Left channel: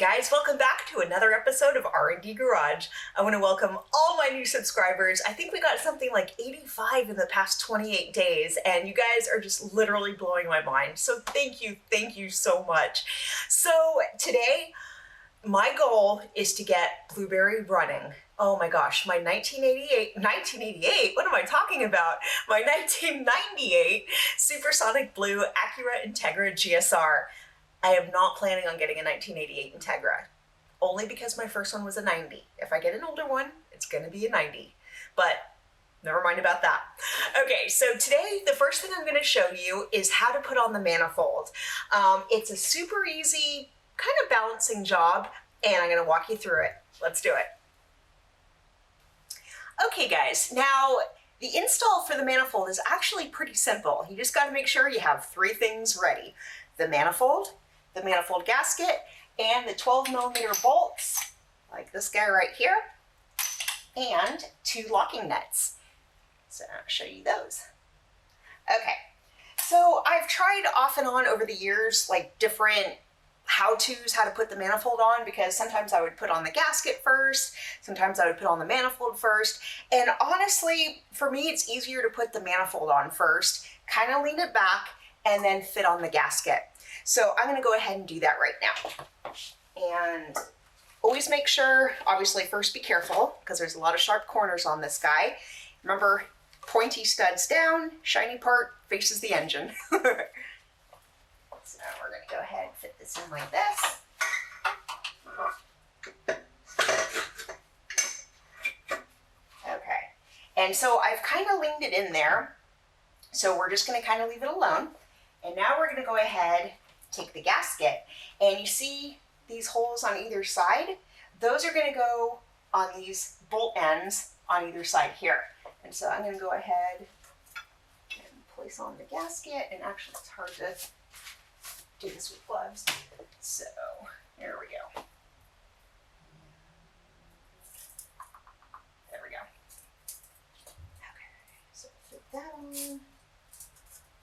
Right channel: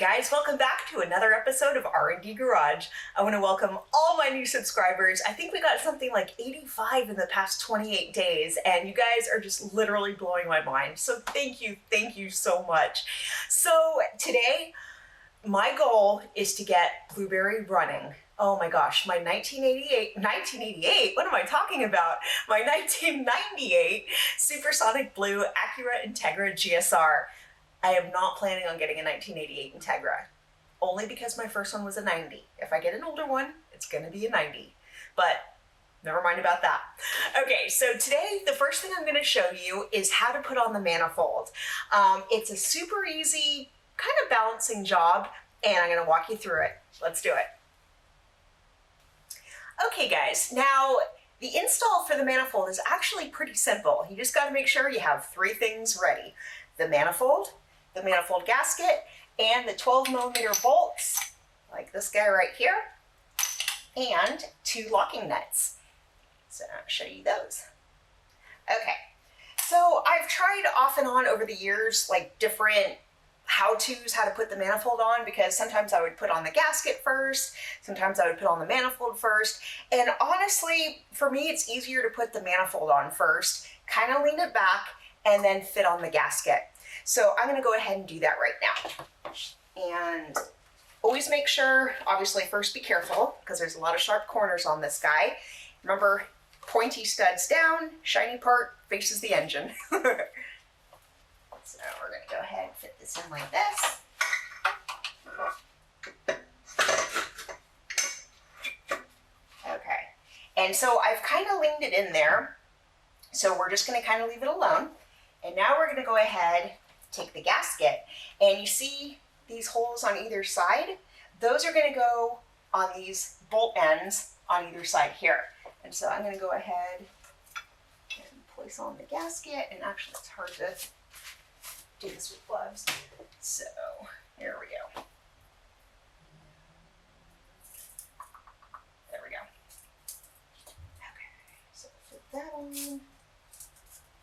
guys, welcome back to another episode of R&Dgarage. I want to welcome all my new subscribers. I think we got something like 85 in the past 28 days, and you guys are just literally blowing my mind. So thank you so much. So today, my goal is to get Blueberry running. Oh my gosh, my 1988, what am I talking about? My 1998 Supersonic Blue Acura Integra GSR. I am not planning on getting a 1988 Integra, only because my first one was a 90. If I get an older one, it's gonna be a 90, but never mind about that. Okay, so today, the first thing I'm gonna show you is how to put on the manifold. It's a super easy kind of balancing job, and I'm gonna walk you through it. Let's do it. Okay guys, now the install for the manifold is actually pretty simple. You just gotta make sure you have three things ready: the manifold gasket, and the 12mm bolts, like this guy right here, and two locking nuts. So I'll show you those. Okay, so I've tried off and on over the years, like different how-tos, how to put the manifold on, because sometimes I would put on the gasket first, sometimes I would put on the manifold first, and honestly, for me, it's easier to put the manifold on first, kind of lean it back, and then fit on the gasket. So I'm gonna go ahead and do that right now. And always make sure, obviously first be careful, because there's a lot of sharp corners on this guy. Remember, pointy studs down, shiny part faces the engine. So we're gonna go ahead and fit this in like this. Okay, and so I've kind of leaned it in there, so we're just gonna kind of leave it alone. And now we're gonna go ahead, take the gasket, and you see these holes on either side? Those are gonna go on these bolt ends on either side here. And so I'm gonna go ahead and place on the gasket, and actually it's hard to do this with gloves. So here we go. There we go. Okay, so fit that on,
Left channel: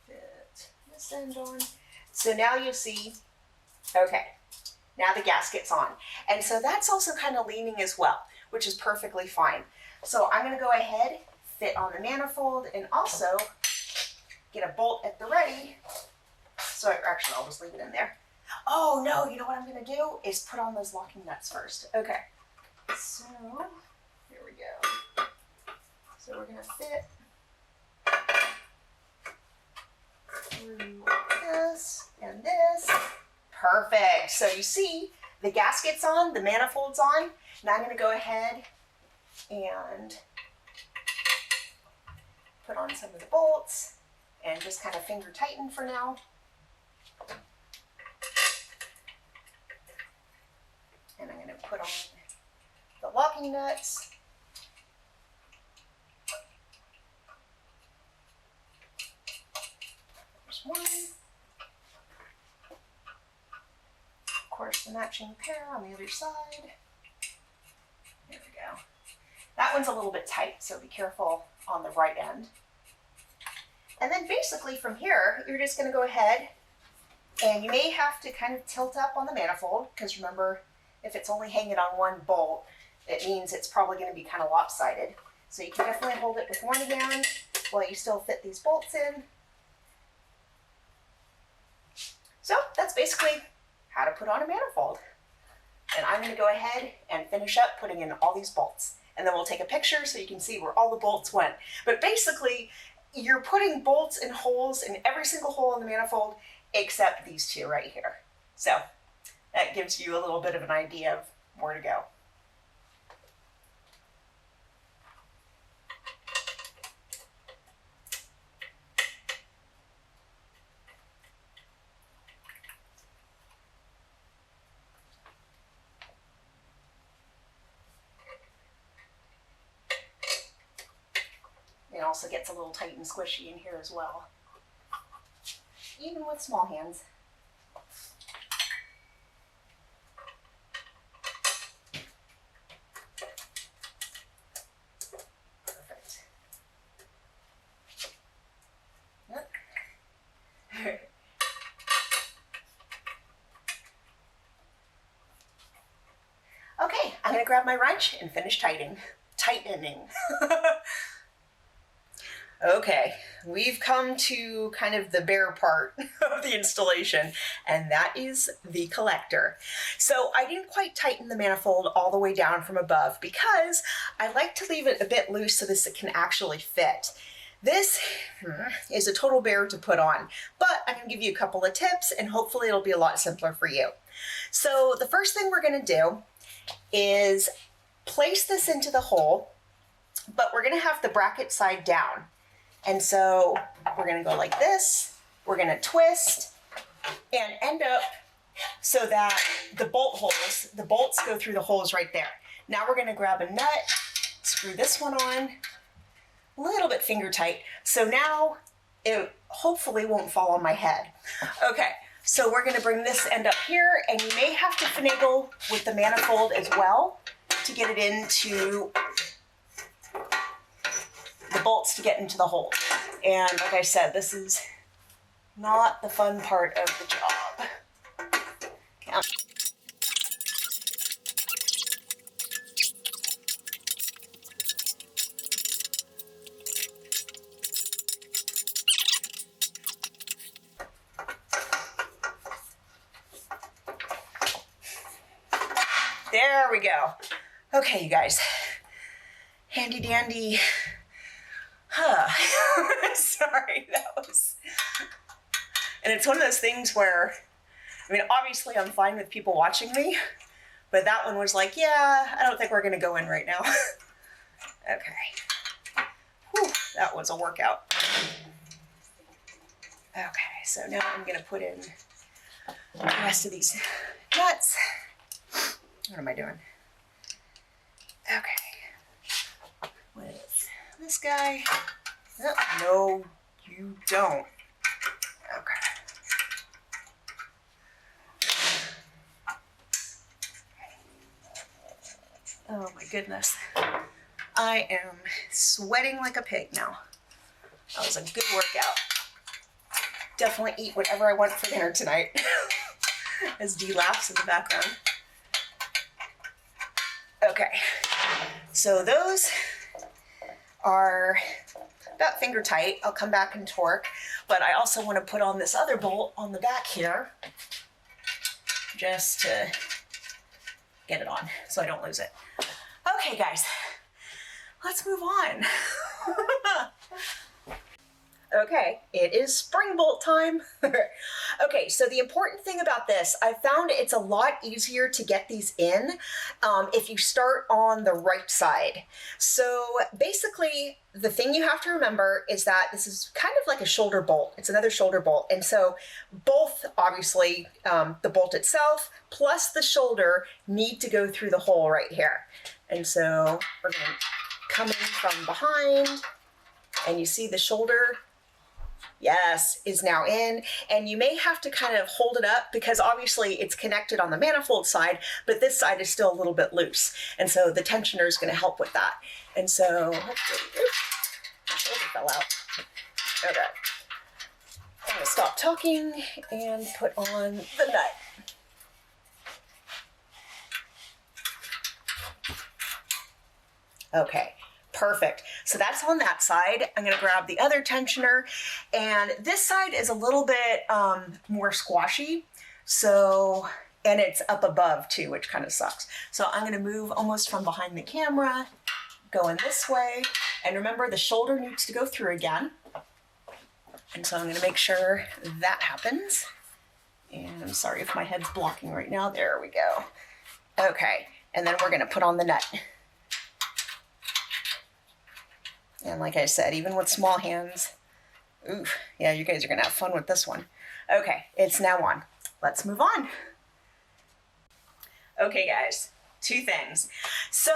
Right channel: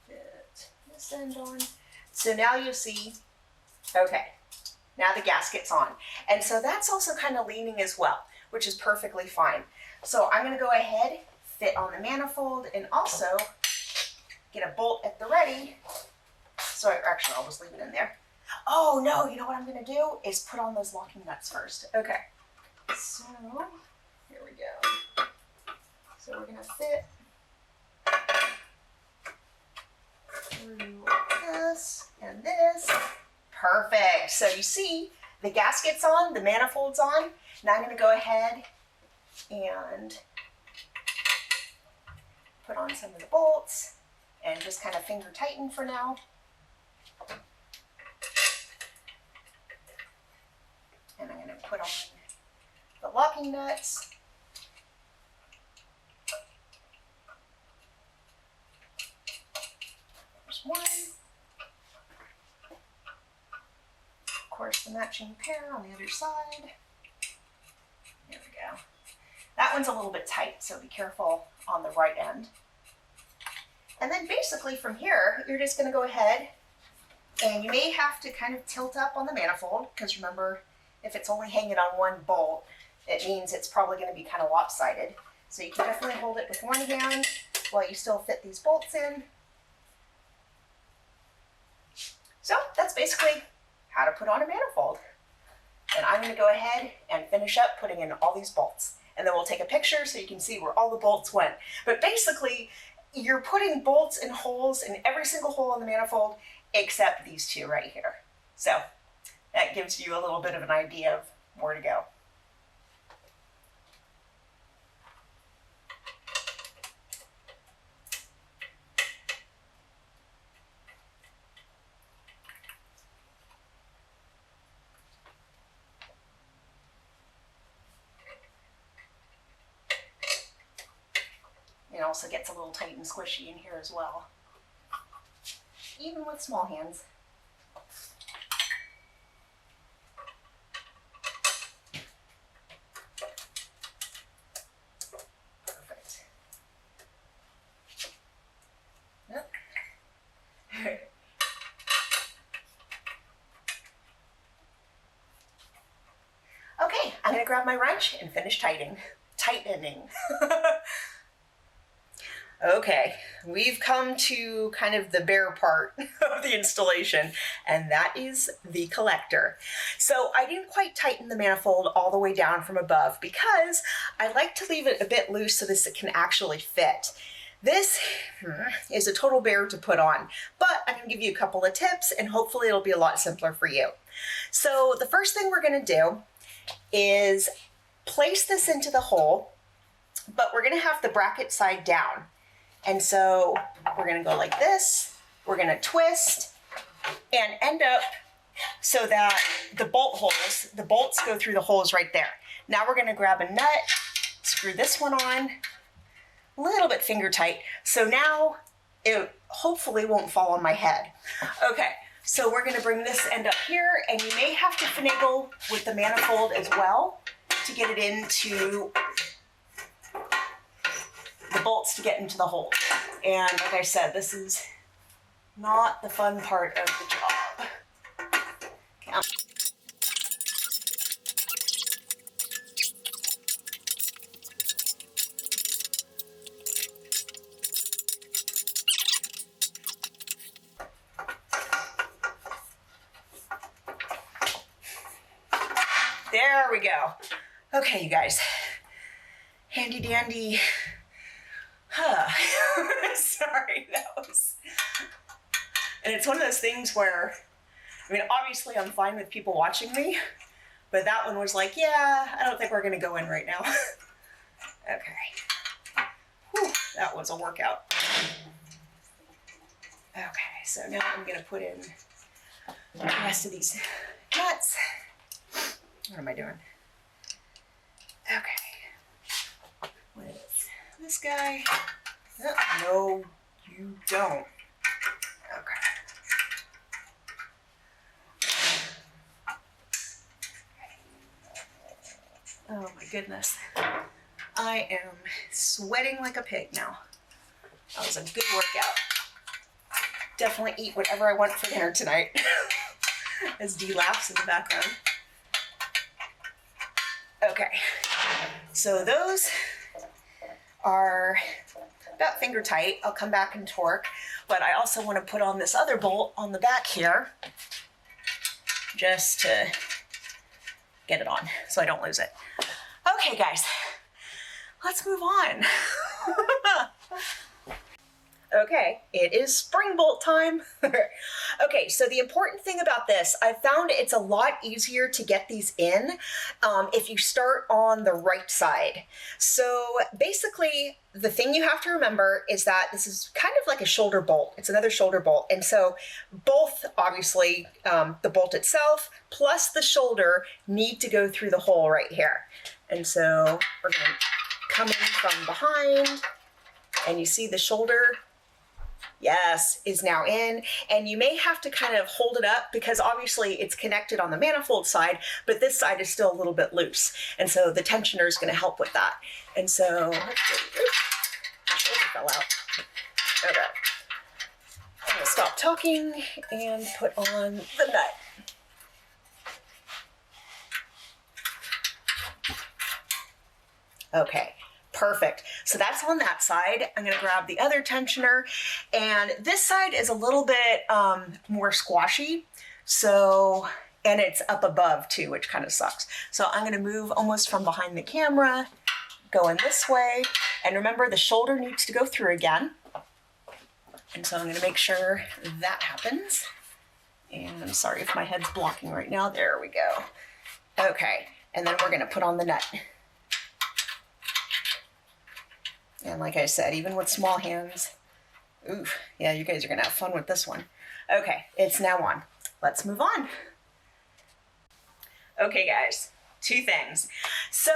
fit this end on. So now you see, okay, now the gasket's on. And so that's also kind of leaning as well, which is perfectly fine. So I'm gonna go ahead, fit on the manifold, and also get a bolt at the ready. So actually, I'll just leave it in there. Oh no, you know what I'm gonna do is put on those locking nuts first. Okay, so here we go. So we're gonna fit through this and this. Perfect. So you see the gasket's on, the manifold's on. Now I'm gonna go ahead and put on some of the bolts and just kind of finger tighten for now. And I'm going to put on the locking nuts. There's one. Of course, the matching pair on the other side. There we go. That one's a little bit tight, so be careful on the right end. And then basically from here, you're just going to go ahead, and you may have to kind of tilt up on the manifold, because remember, if it's only hanging on one bolt, it means it's probably going to be kind of lopsided. So you can definitely hold it with one hand while you still fit these bolts in. So that's basically how to put on a manifold. And I'm going to go ahead and finish up putting in all these bolts. And then we'll take a picture so you can see where all the bolts went. But basically, you're putting bolts and holes in every single hole in the manifold except these two right here. So that gives you a little bit of an idea of where to go. It also gets a little tight and squishy in here as well, even with small hands. Perfect. Yep. gonna grab my wrench and finish tightening. Okay, we've come to kind of the bare part of the installation, and that is the collector. So I didn't quite tighten the manifold all the way down from above because I like to leave it a bit loose so this it can actually fit. This is a total bear to put on, but I'm going to give you a couple of tips and hopefully it'll be a lot simpler for you. So the first thing we're going to do is place this into the hole, but we're going to have the bracket side down. And so we're going to go like this, we're going to twist and end up so that the bolts go through the holes right there. Now we're going to grab a nut, screw this one on, a little bit finger tight. So now it hopefully won't fall on my head. Okay, so we're going to bring this end up here, and you may have to finagle with the manifold as well to get it into the bolts to get into the hole. And like I said, this is not the fun part of the job. Okay. There we go. Okay, you guys. Handy dandy. Sorry, that was... And it's one of those things where, I mean, obviously I'm fine with people watching me, but that one was like, yeah, I don't think we're gonna go in right now. Okay. Whew, that was a workout. Okay, so now I'm gonna put in the rest of these nuts. What am I doing? Okay. With this guy. Oh, no, you don't. Okay. Oh my goodness. I am sweating like a pig now. That was a good workout. Definitely eat whatever I want for dinner tonight. As Dee laughs in the background. Okay, so those are about finger tight. I'll come back and torque, but I also want to put on this other bolt on the back here just to get it on so I don't lose it. Okay, guys, let's move on. Okay, it is spring bolt time. Okay, so the important thing about this, I found it's a lot easier to get these in if you start on the right side. So basically, the thing you have to remember is that this is kind of like a shoulder bolt. It's another shoulder bolt. And so both, obviously, the bolt itself plus the shoulder need to go through the hole right here. And so we're going to come in from behind, and you see the shoulder, yes, is now in, and you may have to kind of hold it up because obviously it's connected on the manifold side, but this side is still a little bit loose. And so the tensioner is going to help with that. And so, let's see, oops, my shoulder fell out. Okay. I'm going to stop talking and put on the nut. Okay. Perfect. So that's on that side. I'm going to grab the other tensioner, and this side is a little bit more squashy. So, and it's up above too, which kind of sucks. So I'm going to move almost from behind the camera, going this way. And remember, the shoulder needs to go through again. And so I'm going to make sure that happens. And I'm sorry if my head's blocking right now. There we go. Okay. And then we're going to put on the nut. And like I said, even with small hands, oof, yeah, you guys are going to have fun with this one. Okay, it's now on. Let's move on. Okay, guys, two things. So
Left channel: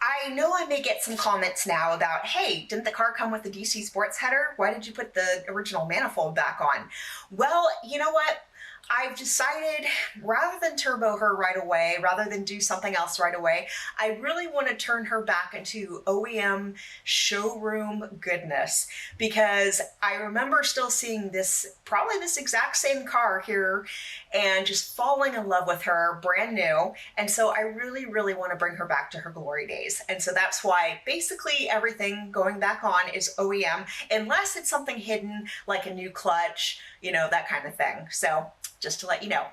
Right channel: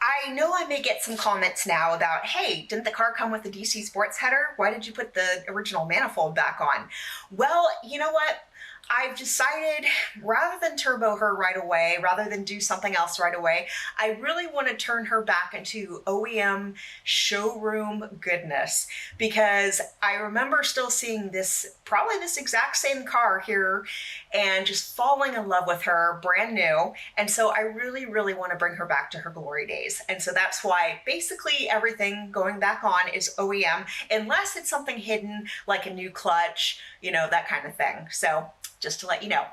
I know I may get some comments now about, hey, didn't the car come with the DC sports header? Why did you put the original manifold back on? Well, you know what? I've decided rather than turbo her right away, rather than do something else right away, I really want to turn her back into OEM showroom goodness, because I remember still seeing this, probably this exact same car here, and just falling in love with her brand new. And so I really, really want to bring her back to her glory days. And so that's why basically everything going back on is OEM, unless it's something hidden like a new clutch, you know, that kind of thing. So just to let you know.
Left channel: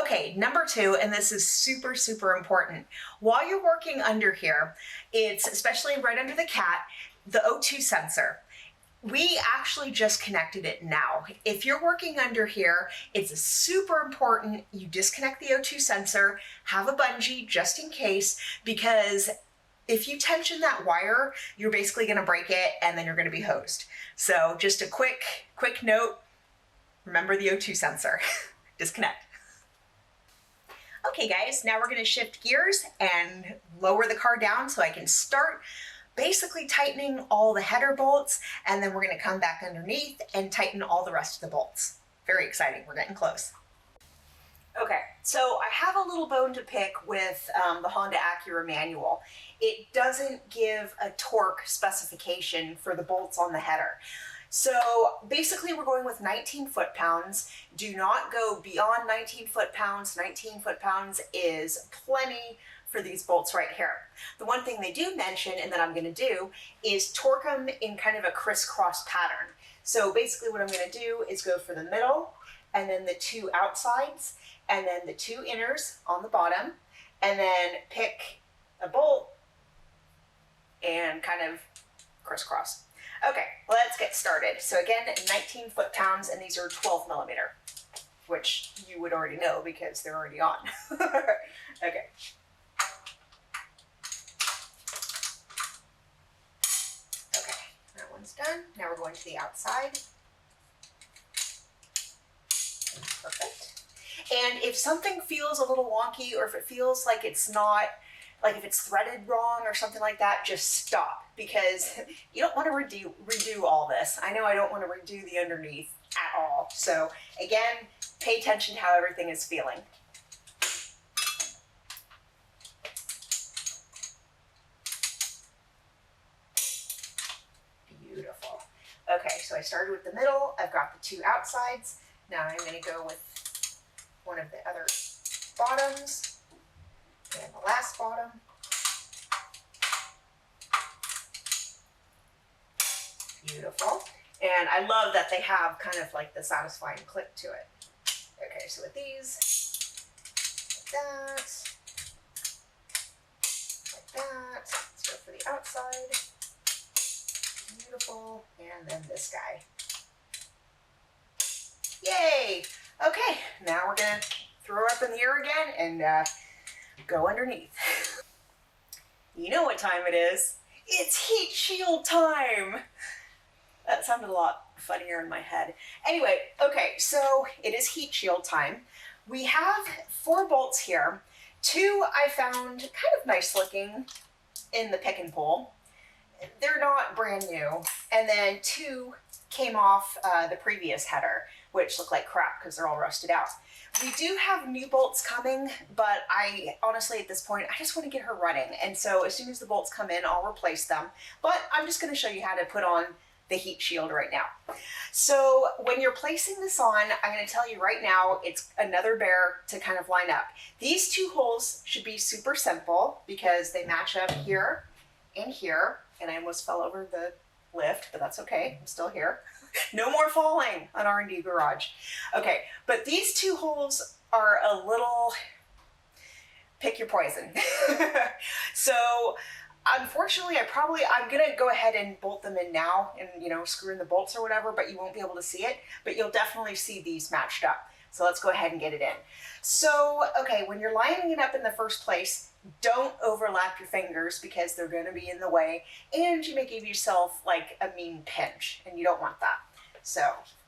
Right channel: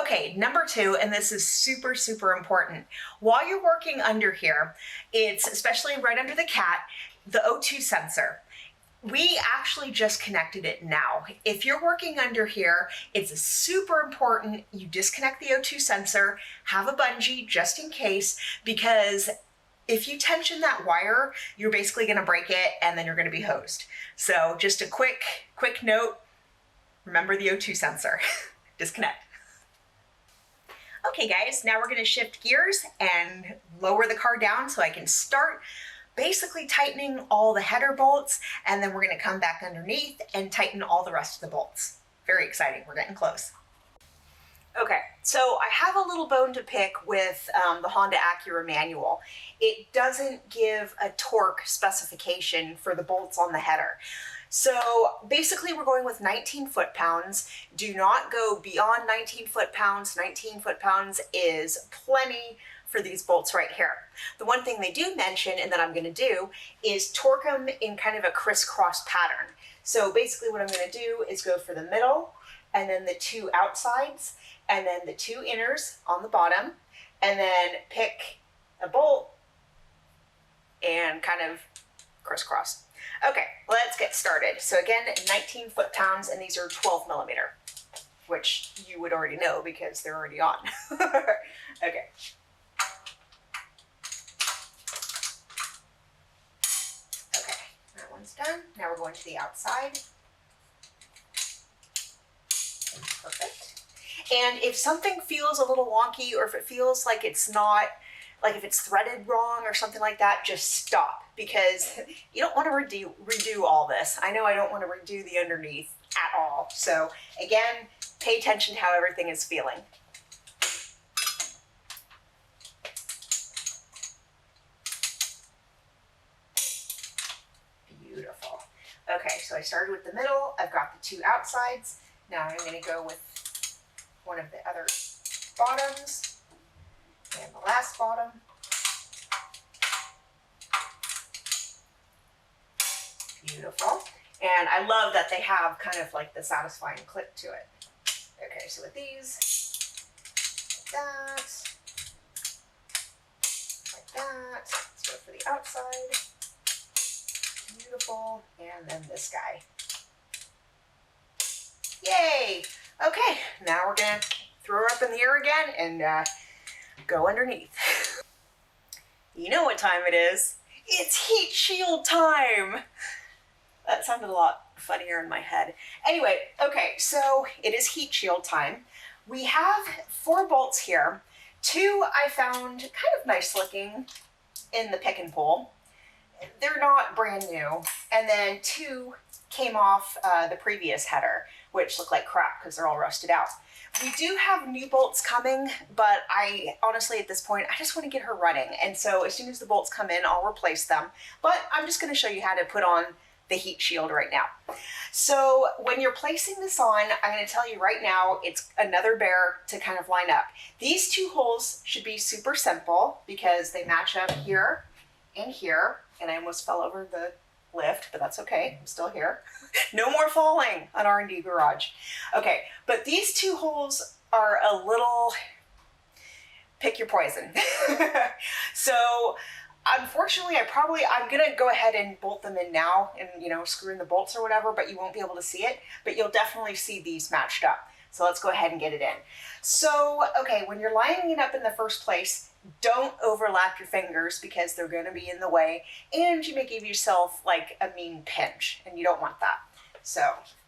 Okay, number 2, and this is super, super important. While you're working under here, it's especially right under the cat, the O2 sensor. We actually just connected it now. If you're working under here, it's super important you disconnect the O2 sensor, have a bungee just in case, because if you tension that wire, you're basically gonna break it and then you're gonna be hosed. So just a quick note, remember the O2 sensor. Disconnect. Okay guys, now we're gonna shift gears and lower the car down so I can start basically tightening all the header bolts, and then we're gonna come back underneath and tighten all the rest of the bolts. Very exciting, we're getting close. Okay, so I have a little bone to pick with the Honda Acura manual. It doesn't give a torque specification for the bolts on the header. So basically we're going with 19 foot-pounds. Do not go beyond 19 foot-pounds. 19 foot-pounds is plenty for these bolts right here. The one thing they do mention, and that I'm gonna do, is torque them in kind of a crisscross pattern. So basically what I'm gonna do is go for the middle, and then the 2 outsides, and then the 2 inners on the bottom, and then pick a bolt and kind of crisscross. Okay, let's get started. So again, 19 foot-pounds, and these are 12 millimeter, which you would already know because they're already on. Okay. Okay, that one's done. Now we're going to the outside. Perfect. And if something feels a little wonky, or if it feels like it's not, like if it's threaded wrong or something like that, just stop, because you don't want to redo all this. I know I don't want to redo the underneath at all. So again, pay attention to how everything is feeling. Beautiful. Okay, so I started with the middle. I've got the 2 outsides. Now I'm going to go with one of the other bottoms. And the last bottom. Beautiful. And I love that they have kind of like the satisfying click to it. Okay, so with these, like that. Let's go for the outside. Beautiful. And then this guy. Yay! Okay, now we're gonna throw her up in the air again and go underneath. You know what time it is. It's heat shield time. That sounded a lot funnier in my head. Anyway, okay, so it is heat shield time. We have 4 bolts here. 2 I found kind of nice looking in the pick and pull. They're not brand new. And then 2 came off the previous header, which look like crap because they're all rusted out. We do have new bolts coming, but I honestly at this point, I just want to get her running. And so as soon as the bolts come in, I'll replace them. But I'm just going to show you how to put on the heat shield right now. So when you're placing this on, I'm going to tell you right now, it's another bear to kind of line up. These 2 holes should be super simple because they match up here and here. And I almost fell over the lift, but that's okay. I'm still here. No more falling on R&Dgarage. Okay, but these 2 holes are a little, pick your poison. So unfortunately, I'm gonna go ahead and bolt them in now and, you know, screw in the bolts or whatever, but you won't be able to see it, but you'll definitely see these matched up. So let's go ahead and get it in. So, okay, when you're lining it up in the first place, don't overlap your fingers because they're going to be in the way, and you may give yourself like a mean pinch, and you don't want that. So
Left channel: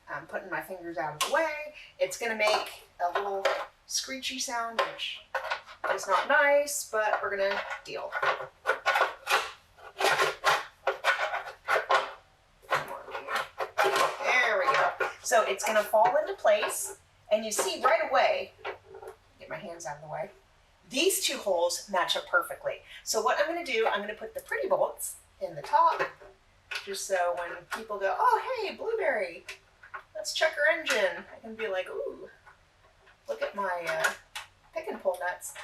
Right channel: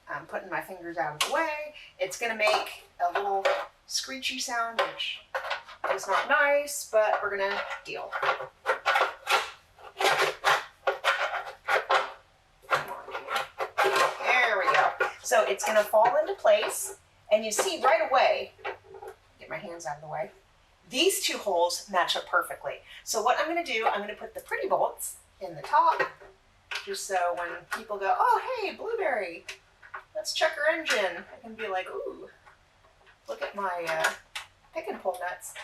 I'm putting my fingers out of the way. It's going to make a little screechy sound, which is not nice, but we're going to deal. There we go. So it's going to fall into place, And you see right away, get my hands out of the way, these two holes match up perfectly. So what I'm going to do, I'm going to put the pretty bolts in the top, just so when people go, oh, hey, Blueberry, let's check her engine, I can be like, ooh, look at my pick and pull nuts.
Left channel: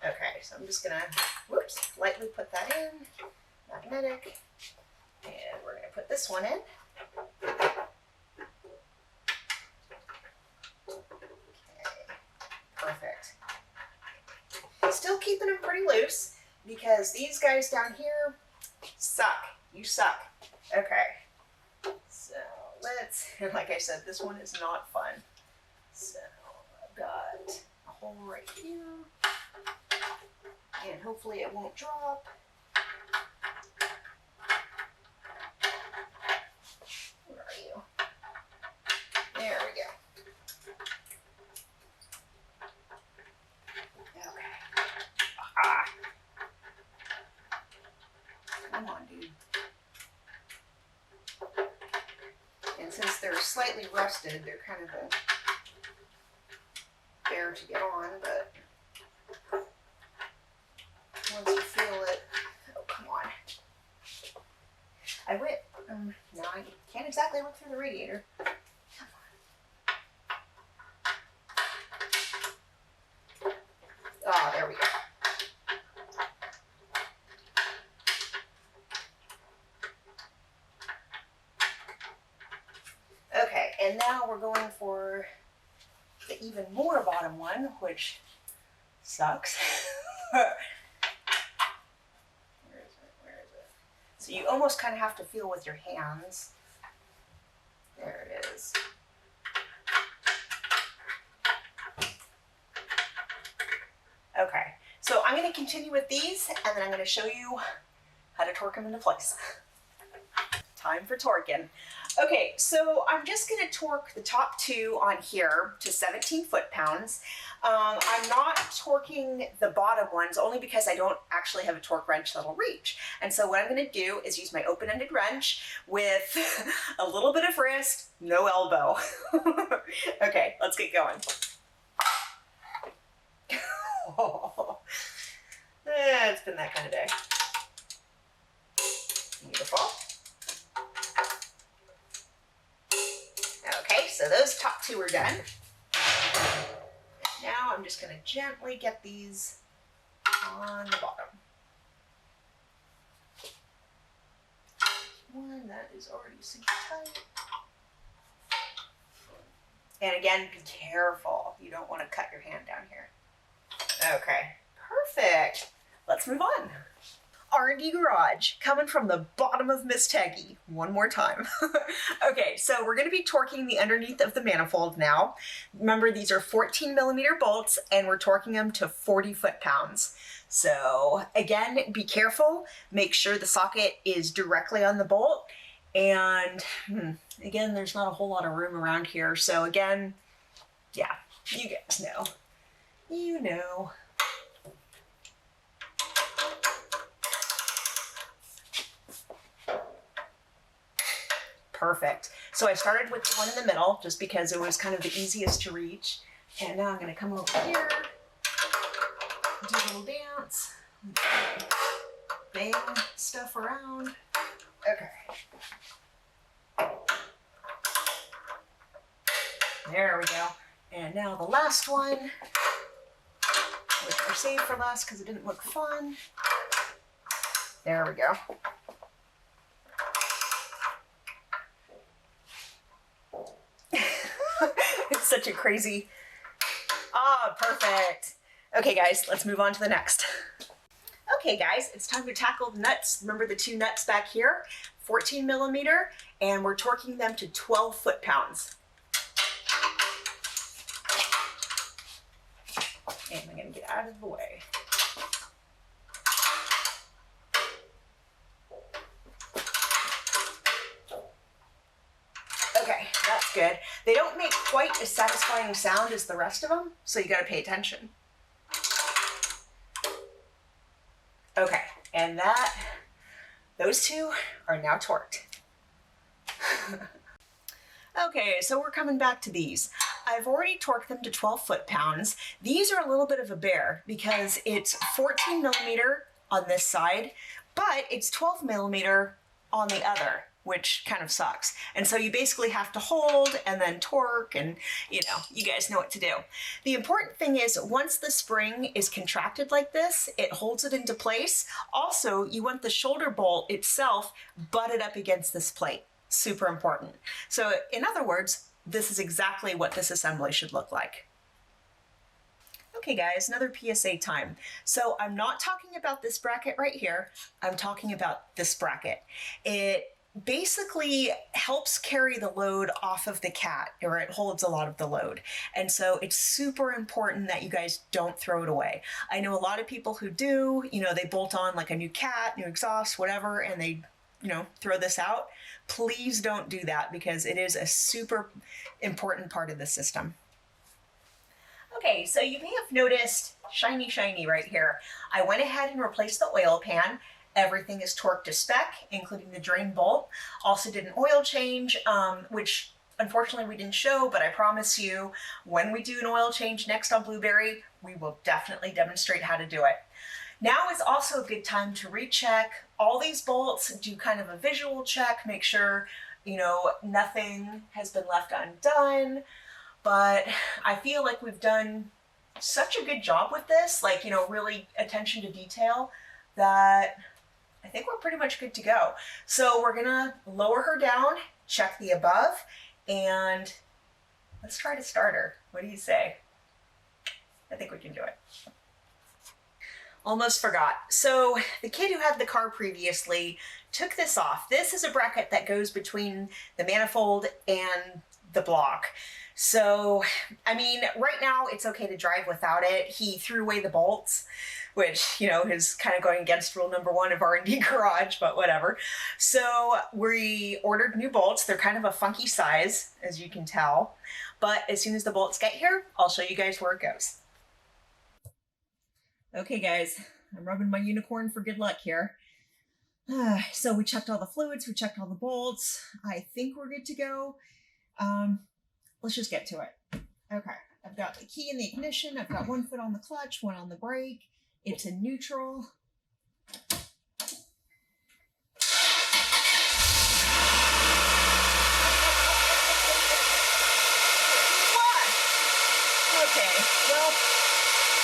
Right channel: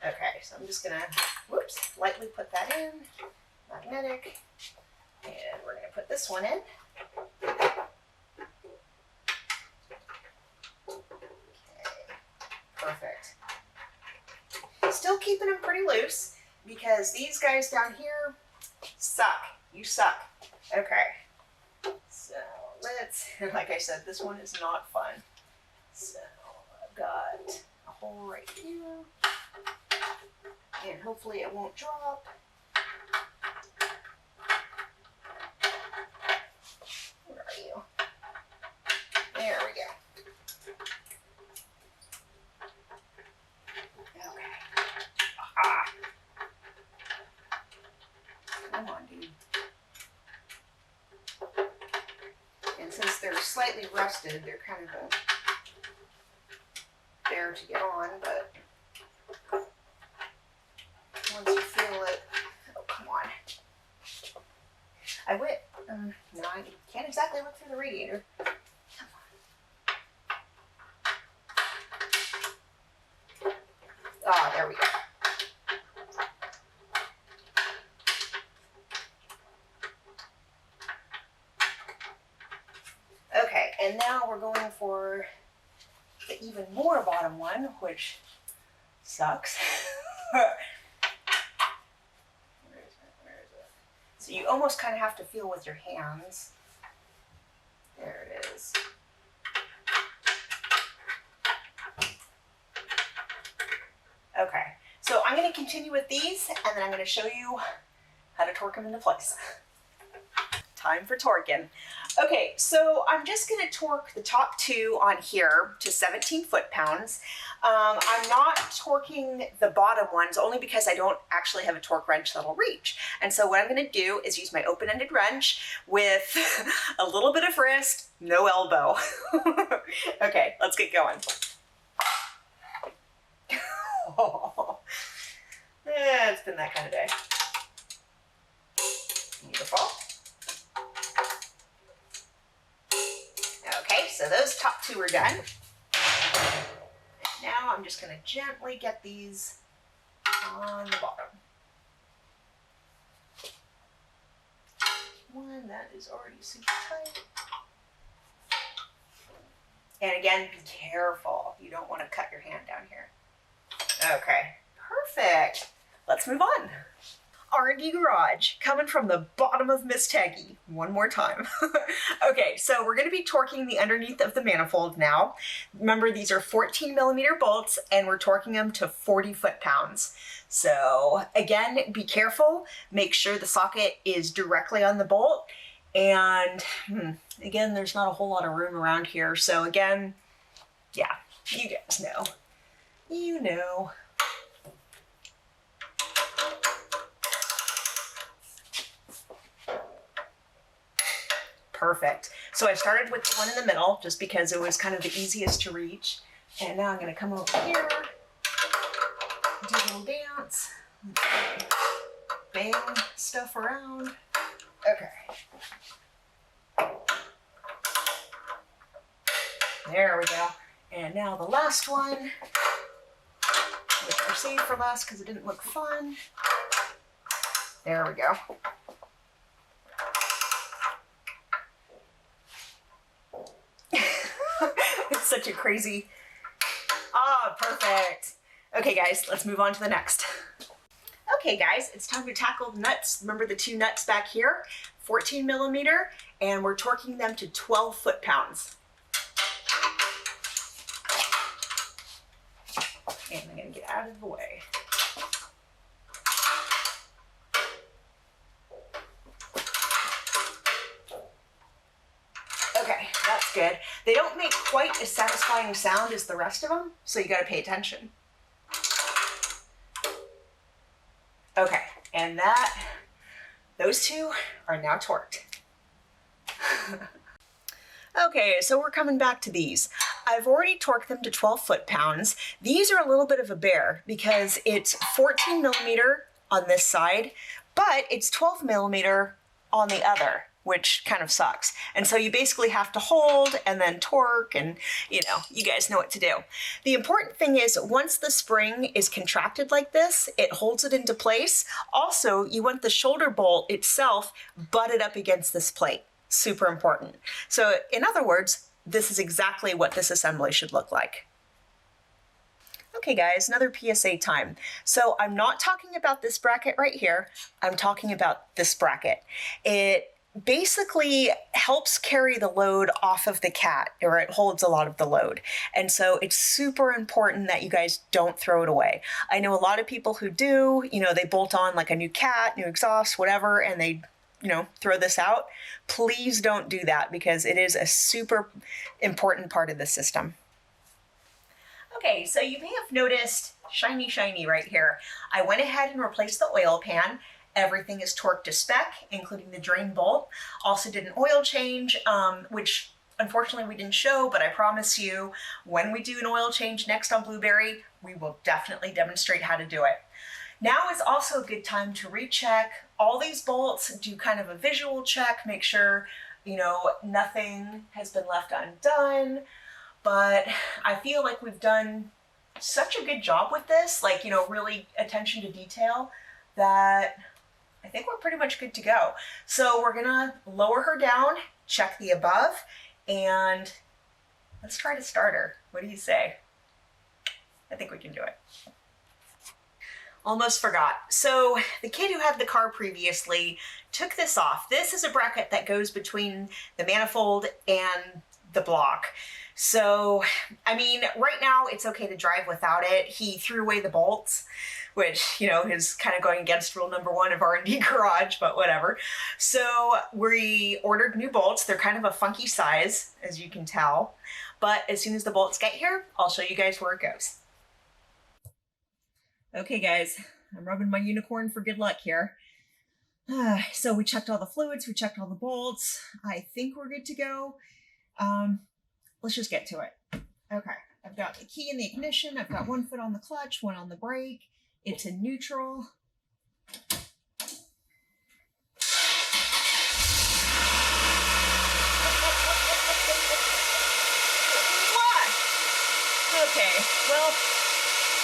Okay, so I'm just going to, whoops, lightly put that in, magnetic, and we're going to put this one in. Perfect. Still keeping them pretty loose because these guys down here suck. You suck. Okay. So let's, like I said, this one is not fun. So I've got a hole right here and hopefully it won't drop. Where are you? There we go. Come on, dude. And since they're slightly rusted, they're kind of a bear to get on, but once you feel it, oh, come on. I went, no, I can't exactly look through the radiator. Come on. Ah, there we go. Okay, and now we're going for the even more bottom one, which sucks. Where is it? Where is it? So you almost kind of have to feel with your hands. There it is. Okay, so I'm going to continue with these, and then I'm going to show you how to torque them into place. Time for torquing. Okay, so I'm just going to torque the top two on here to 17 foot-pounds. I'm not torquing the bottom ones only because I don't actually have a torque wrench that'll reach. And so what I'm going to do is use my open-ended wrench with a little bit of wrist, no elbow. Okay, let's get going. Oh, it's been that kind of day. Beautiful. Okay, so those top two are done. And now I'm just going to gently get these on the bottom. One that is already super tight. And again, be careful. You don't want to cut your hand down here. Okay, perfect. Let's move on. R&Dgarage, coming from the bottom of Miss Teggy, one more time. Okay, so we're gonna be torquing the underneath of the manifold now. Remember, these are 14mm bolts and we're torquing them to 40 foot-pounds. So again, be careful, make sure the socket is directly on the bolt. And again, there's not a whole lot of room around here. So again, yeah, you guys know. You know. Perfect. So I started with the one in the middle just because it was kind of the easiest to reach. And now I'm going to come over here, do a little dance, bang stuff around. Okay. There we go. And now the last one, which I saved for last because it didn't look fun. There we go. It's such a crazy, perfect. Okay guys, let's move on to the next. Okay guys, it's time to tackle the nuts. Remember the two nuts back here, 14mm, and we're torquing them to 12 foot-pounds. And I'm gonna get out of the way. Okay, that's good. They don't make quite as satisfying sound as the rest of them, so you gotta pay attention. Okay, and those two are now torqued. Okay, so we're coming back to these. I've already torqued them to 12 foot-pounds. These are a little bit of a bear because it's 14 millimeter on this side, but it's 12 millimeter on the other, which kind of sucks. And so you basically have to hold and then torque, and you know, you guys know what to do. The important thing is once the spring is contracted like this, it holds it into place. Also, you want the shoulder bolt itself butted up against this plate. Super important. So in other words, this is exactly what this assembly should look like. Okay guys, another PSA time. So I'm not talking about this bracket right here. I'm talking about this bracket. It basically helps carry the load off of the cat, or it holds a lot of the load. And so it's super important that you guys don't throw it away. I know a lot of people who do, you know, they bolt on like a new cat, new exhaust, whatever, and they, you know, throw this out. Please don't do that because it is a super important part of the system. Okay, so you may have noticed shiny right here. I went ahead and replaced the oil pan. Everything is torqued to spec, including the drain bolt. Also did an oil change, which unfortunately we didn't show, but I promise you when we do an oil change next on Blueberry, we will definitely demonstrate how to do it. Now is also a good time to recheck all these bolts, do kind of a visual check, make sure, you know, nothing has been left undone. But I feel like we've done such a good job with this, like, you know, really attention to detail, that I think we're pretty much good to go. So we're gonna lower her down, check the above, and let's try to start her. What do you say? I think we can do it. Almost forgot. So the kid who had the car previously took this off. This is a bracket that goes between the manifold and the block. So, I mean, right now it's okay to drive without it. He threw away the bolts, which, you know, is kind of going against rule number 1 of R&Dgarage, but whatever. So we ordered new bolts. They're kind of a funky size, as you can tell. But as soon as the bolts get here, I'll show you guys where it goes. Okay, guys, I'm rubbing my unicorn for good luck here. So we checked all the fluids, we checked all the bolts. I think we're good to go. Let's just get to it. Okay, I've got the key in the ignition. I've got 1 foot on the clutch, 1 on the brake. It's in neutral. What? Okay, well,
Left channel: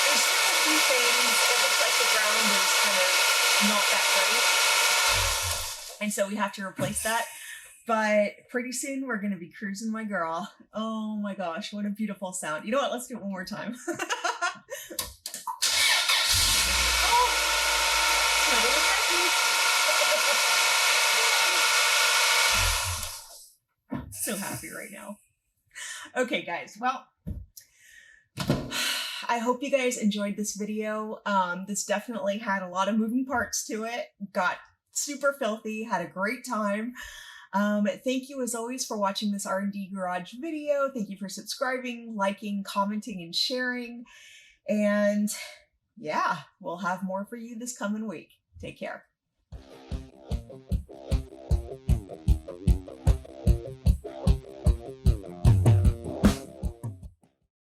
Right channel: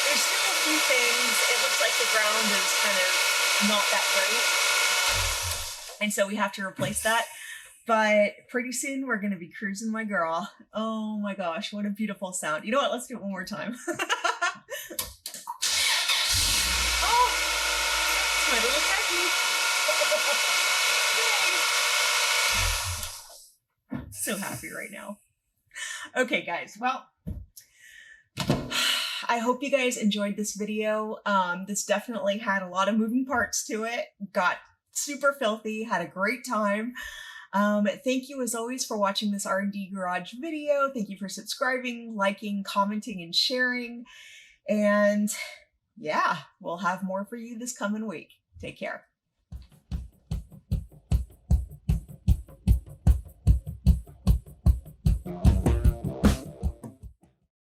there's still a few things. It looks like the ground is kind of not that great. And so we have to replace that. But pretty soon we're going to be cruising my girl. Oh my gosh, what a beautiful sound. You know what? Let's do it one more time. Oh, it's my little techie. Yay. So happy right now. Okay, guys. Well, I hope you guys enjoyed this video. This definitely had a lot of moving parts to it. Got super filthy, had a great time. Thank you as always for watching this R&Dgarage video. Thank you for subscribing, liking, commenting, and sharing. And yeah, we'll have more for you this coming week. Take care.